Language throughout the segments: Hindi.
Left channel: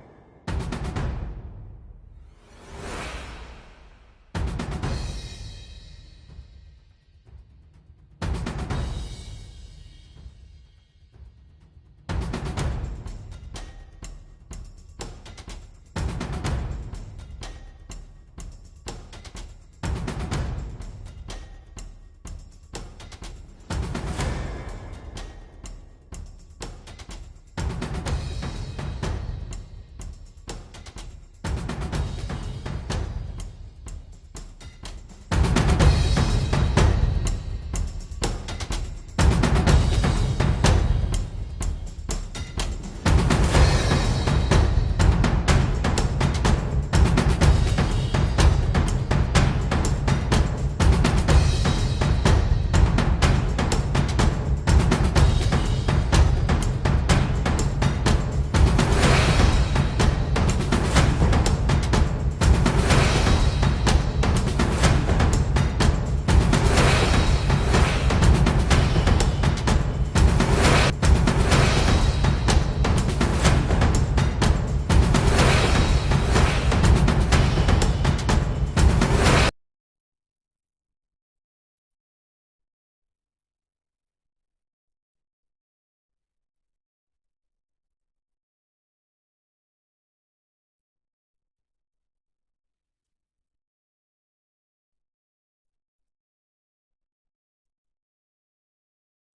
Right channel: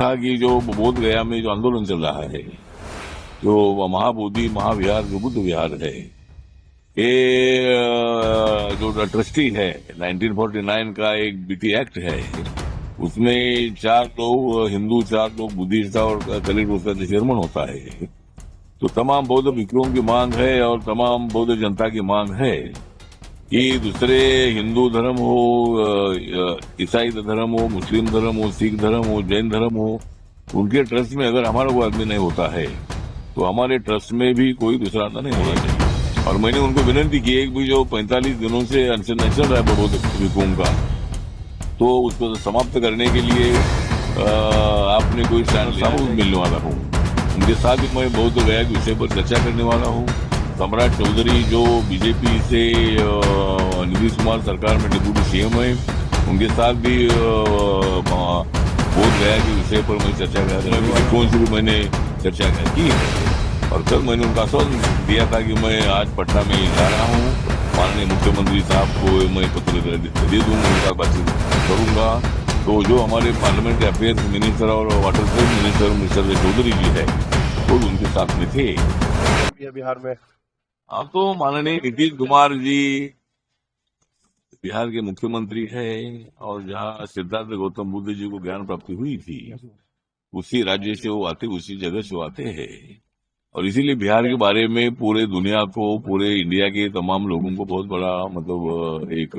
था कि जो बोध गया में जो आंदोलन चल रहा है, जो महाबोधि महाविहार जो बुद्ध विहार है, ये जो ट्रस्टी है 1949 का एक बीटी एक्ट है, उसमें 4 लोग हिंदू, 4 लोग बुद्धिस्ट और कलेक्टर उसका चेयरमैन होता है। तो तमाम बौद्ध भिक्षुओं की मांग है और तमाम बौद्ध जनता की मांग है कि दूसरे हिंदू धर्म हो, ईसाई धर्म हो, मुस्लिम धर्म हो, सिख धर्म हो, जैन धर्म हो, उनके ट्रस्ट में अगर हमारा कोई आदमी नहीं होता है तो हमारे ट्रस्ट में भी कोई दूसरा आदमी नहीं होना चाहिए। और मैंने उनको विनती की एक भी जो 45 दिनों से अनशन चल रहा है बौद्ध भिक्षुओं का, तो उसको समाप्त करने के लिए आपने कोई साबुत मिलने वाला हूँ। उनके साथ ही मैं बौद्ध गया के विषय पर चर्चा करने वाला हूँ। सम्राट चौधरी जो बीजेपी से नीतीश कुमार सरकार में डिप्टी सीएम है, उनके साथ भी बोध गया के विषय पर मैं चर्चा करूँगा। कौन सी भी मैंने चर्चा की और कल मैंने उनका आश्वासन दिया था कि मैं आज पटना में जा रहा हूँ, माननीय मुख्यमंत्री साहब को मैं पत्र दे दूंगा, उनका बातचीत करूंगा। तो जो हमारे पार्लियामेंट अफेयर्स मिनिस्टर और water minister mister Chaudhary ji है वो उनके साथ में थे बिहार में। अब तो माननीय नीतीश कुमार जी बिहार के मुख्यमंत्री है और जहाँ सिद्धार्थ गौतम बुद्ध जी को ज्ञान प्राप्ति हुई थी उसी राज्य से वो आते, उसी जगह से वो आते हैं और इसीलिए बिहार के बारे में पूरे दुनिया को, पूरे इंडिया के तमाम लोगों को बहुत बड़ा मतलब एक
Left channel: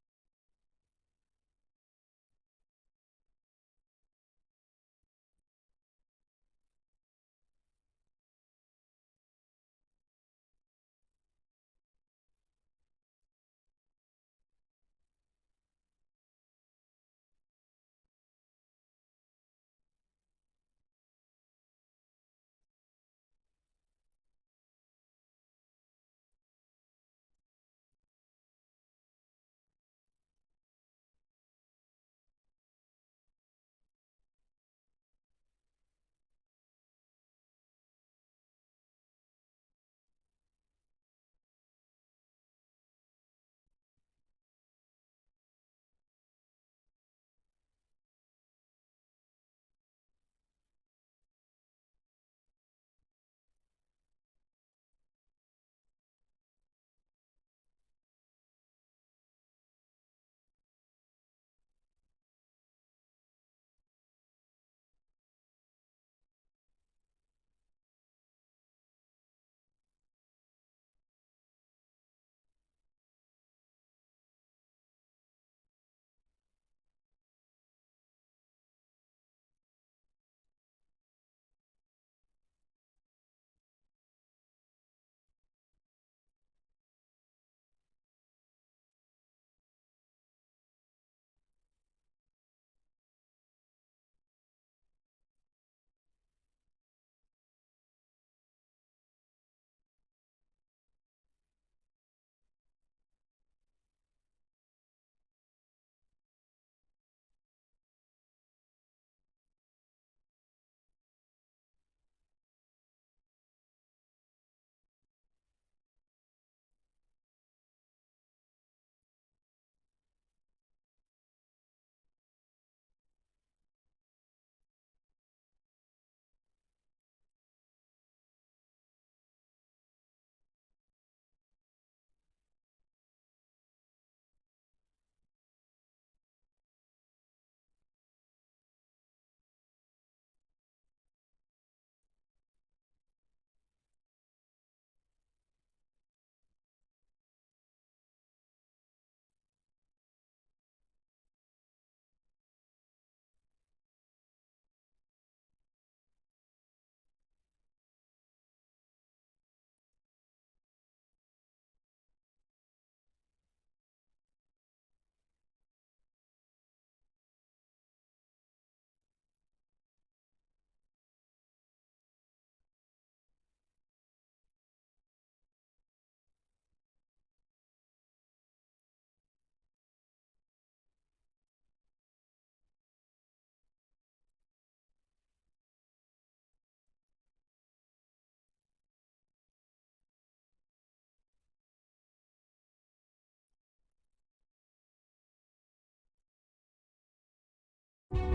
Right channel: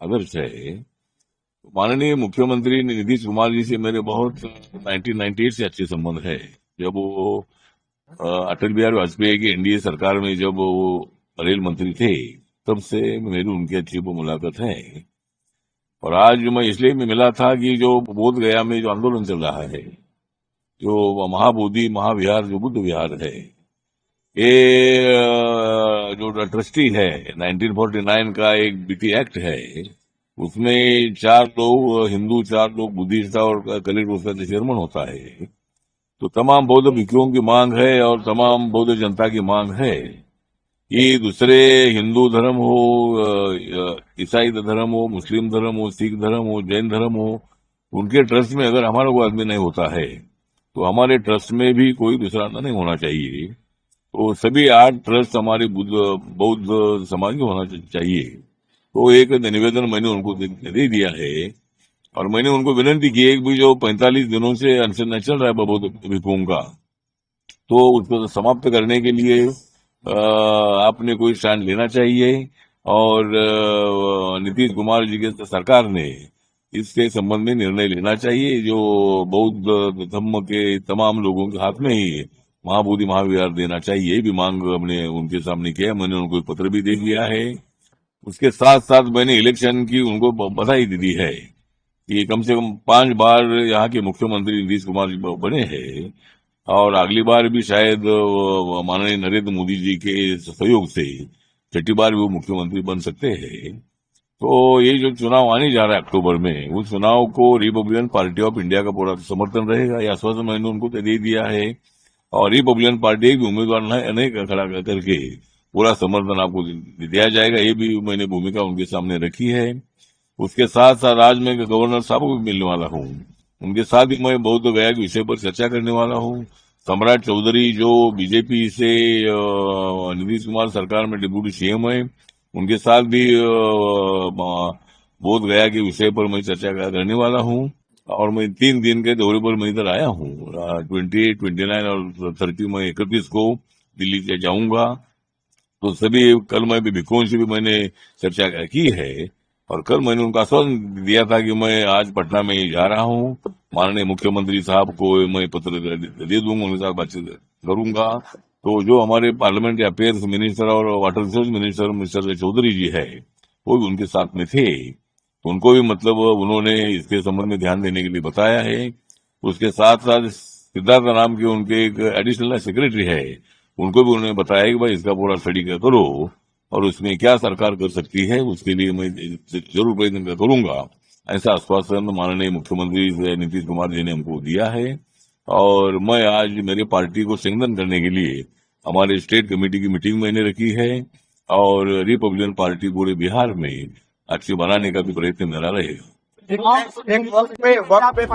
आदर्श है। माननीय मुख्यमंत्री नीतीश कुमार जी से मेरे बहुत 1998 से अच्छे संबंध है। जब वो अटल बिहारी वाजपेयी की एनडीए सरकार में जब वो रेल मंत्री थे तब से मेरी उनकी अच्छी मुलाकात है। और आज मैं इसलिए भी मिला था कि जो बोध गया में जो आंदोलन चल रहा है, जो महाबोधि महाविहार जो बुद्ध विहार है, ये जो ट्रस्टी है 1949 का एक बीटी एक्ट है, उसमें 4 लोग हिंदू, 4 लोग बुद्धिस्ट और कलेक्टर उसका चेयरमैन होता है। तो तमाम बौद्ध भिक्षुओं की मांग है और तमाम बौद्ध जनता की मांग है कि दूसरे हिंदू धर्म हो, ईसाई धर्म हो, मुस्लिम धर्म हो, सिख धर्म हो, जैन धर्म हो, उनके ट्रस्ट में अगर हमारा कोई आदमी नहीं होता है तो हमारे ट्रस्ट में भी कोई दूसरा नहीं होना चाहिए। तो सभी 8 ट्रस्ट हमारे बौद्ध समाज के होना चाहिए। तो एक निवेदन मैंने उनको दे दिया है और मैंने उनको विनती की एक भी जो 45 दिनों से अनशन चल रहा है बौद्ध भिक्षुओं का, तो उसको समाप्त करने के लिए आपने कोई स्टैंड लेना चाहिए और नीतीश कुमार जी के सरकार ने इसके संबंध में निर्णय लेना चाहिए। जो बौद्ध धर्म के तमाम लोगों के हाथ में ही महाबोधि महाविहार देना चाहिए, ये भी मांग हमने उनके सामने किया। मैंने उनको पत्र भी दे दिया है। उसके साथ साथ मैंने इलेक्शन की उनको बधाई दी है कि कम से कम 5 बार यहाँ के मुख्यमंत्री नीतीश कुमार जी बने हैं और अगली बार भी शायद माननीय नरेंद्र मोदी जी के सहयोग से 6ठी बार भी वो मुख्यमंत्री बन सकते हैं। तो ये जो चुनाव आने जा रहा है अक्टूबर में, उस चुनाव को रिपब्लिकन पार्टी ऑफ इंडिया का पूरा समर्थन रहेगा, यह आश्वासन मैंने उनको दे दिया है। और रिपब्लिकन पार्टी एक भी उम्मीदवार नहीं खड़ा करके पूरा समर्थन आपको दिया जाएगा, ये भी मैंने भूमिका उनके सामने रखी है। उसके साथ साथ आज मैं गवर्नर साहब को भी मिलने वाला हूँ, उनके साथ ही मैं बौद्ध गया के विषय पर चर्चा करने वाला हूँ। सम्राट चौधरी जो बीजेपी से नीतीश कुमार सरकार में डिप्टी सीएम है, उनके साथ भी बोध गया के विषय पर मैं चर्चा करने वाला हूँ। और मैं 3 दिन के दौरे पर मैं इधर आया हूँ। 28, 29 और 30 मैं 31 को दिल्ली से जाऊंगा। तो सभी कल मैं भी भिक्षुओं से भी मैंने चर्चा की है और कल मैंने उनका आश्वासन दिया था कि मैं आज पटना में जा रहा हूँ, माननीय मुख्यमंत्री साहब को मैं पत्र दे दूंगा, उनके साथ बातचीत करूंगा। तो जो हमारे पार्लियामेंट अफेयर्स मिनिस्टर और water resource minister mister Chaudhary ji है वो भी उनके साथ में थे, तो उनको भी मतलब उन्होंने इसके संबंध में ध्यान देने के लिए बताया है। उसके साथ साथ सिद्धार्थ नाम के उनके एक एडिशनल सेक्रेटरी है, उनको भी उन्होंने बताया कि भाई इसका पूरा स्टडी करो और उसमें क्या सरकार कर सकती है उसके लिए मैं जरूर प्रयत्न करूंगा। ऐसा आश्वासन माननीय मुख्यमंत्री नीतीश कुमार जी ने हमको दिया है। और मैं आज मेरी पार्टी को संगठन करने के लिए हमारे स्टेट कमेटी की मीटिंग मैंने रखी है और रिपब्लिकन पार्टी पूरे बिहार में अच्छी बनाने का भी प्रयत्न मेरा रहेगा। एक वक्त पे